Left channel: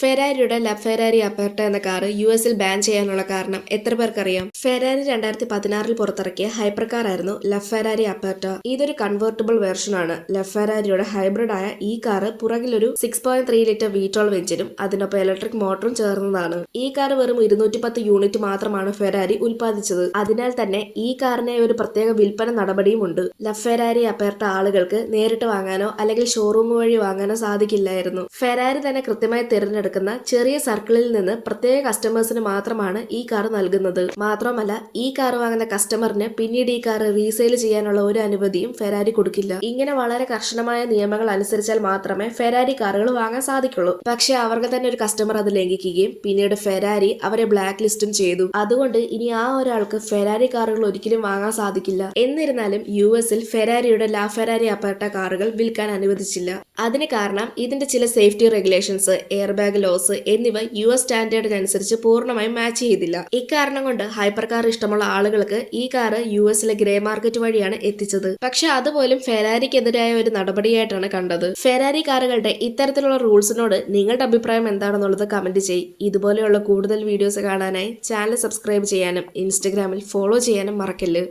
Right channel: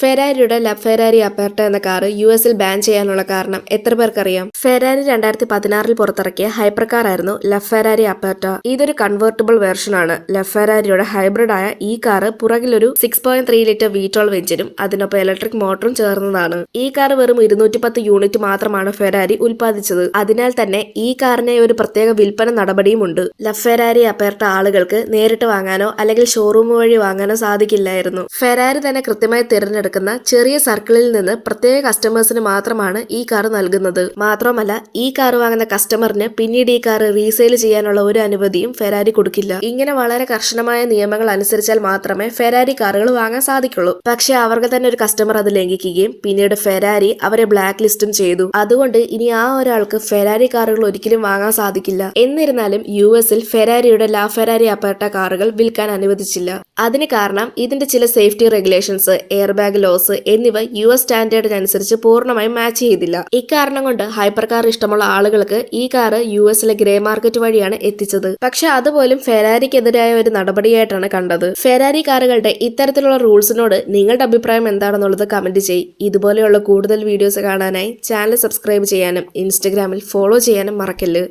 ഫെരാരിയുടെ Ferrari അപ്പർട്ട എന്ന car യുഎസിൽ ban ചെയ്യാനുള്ള കാരണം എത്ര പേർക്കറിയാം? ഫെരാരി 2016 പുറത്തിറക്കിയ ഹൈപ്പർ കാർ ആയിരുന്നു ഫെരാരി അപ്പർട്ട. ഇതൊരു കൺവേർട്ടിബിൾ വേർഷനാണ്. ഫെരാരിയുടെ ഹൈബ്രിഡ് ആയ ഈ കാർ പുറകിലൊരു 6.3 ലിറ്റർ V12 എഞ്ചിനും അതിനൊപ്പം ഇലക്ട്രിക് മോട്ടറും ചേർന്നതാണ്. ഈ കാർ വെറും 210 യൂണിറ്റ് മാത്രമാണ് ഫെരാരി ഉൽപ്പാദിച്ചത്. അതിനാൽ തന്നെ ഈ കാറിനെ ഒരു പ്രത്യേക വിൽപ്പന നടപടിയുമുണ്ട്. ഫെരാരി അപ്പർട്ട ആളുകൾക്ക് നേരിട്ട് വാങ്ങാനോ അല്ലെങ്കിൽ ഷോറൂം വഴി വാങ്ങാനോ സാധിക്കില്ലായിരുന്നു. ഫെരാരി തന്നെ കൃത്യമായി തിരഞ്ഞെടുക്കുന്ന ചെറിയ സർക്കിളിൽ നിന്ന് പ്രത്യേക കസ്റ്റമേഴ്സിന് മാത്രമാണ് ഈ കാർ നൽകുന്നത്. മാത്രമല്ല ഈ കാർ വാങ്ങുന്ന കസ്റ്റമറിന് പിന്നീട് ഈ കാർ റീസെയിൽ ചെയ്യാനുള്ള ഒരു അനുമതിയും ഫെരാരി കൊടുക്കില്ല. ഇങ്ങനെ വളരെ കർശനമായ നിയമങ്ങൾ അനുസരിച്ചാൽ മാത്രമേ ഫെരാരി കാറുകൾ വാങ്ങാൻ സാധിക്കുള്ളൂ. പക്ഷെ അവർക്ക് തന്നെ ഒരു കസ്റ്റമർ അത് ലംഘിക്കുകയും പിന്നീട് ഫെരാരി അവരെ ബ്ലാക്ക് ലിസ്റ്റും ചെയ്തു. അതുകൊണ്ട് ഇനി ആ ഒരാൾക്ക് ഫെരാരി കാറുകൾ ഒരിക്കലും വാങ്ങാൻ സാധിക്കില്ല. എന്നിരുന്നാലും യുഎസിൽ ഫെരാരിയുടെ ഫെരാരി അപ്പർട്ട കാറുകൾ വിൽക്കാൻ അനുവദിച്ചില്ല. അതിന് കാരണം ഇതിന്റെ ചില safety regulations, air bag laws എന്നിവ യുഎസ് സ്റ്റാൻഡേർഡിനനുസരിച്ച് പൂർണ്ണമായും മാച്ച് ചെയ്തില്ല. ഇക്കാരണം കൊണ്ട് ഹൈപ്പർ കാർ ഇഷ്ടമുള്ള ആളുകൾക്ക് ഈ കാർ യുഎസിലെ ഗ്രേ മാർക്കറ്റ് വഴിയാണ് എത്തിച്ചത്. പക്ഷെ അതുപോലും ഫെരാരിക്കെതിരായ ഒരു നടപടിയായിട്ടാണ് കണ്ടത്. ഫെരാരി കാറുകളുടെ ഇത്തരത്തിലുള്ള റൂൾസിനോട് നിങ്ങളുടെ അഭിപ്രായം എന്താണെന്നുള്ളത് കമന്റ് ചെയ്യ്. ഇതുപോലെയുള്ള കൂടുതൽ വീഡിയോസ് കാണാനായി ചാനൽ സബ്സ്ക്രൈബ് ചെയ്യാനും ഇൻസ്റ്റഗ്രാമിൽ ഫോളോ ചെയ്യാനും മറക്കല്ല്.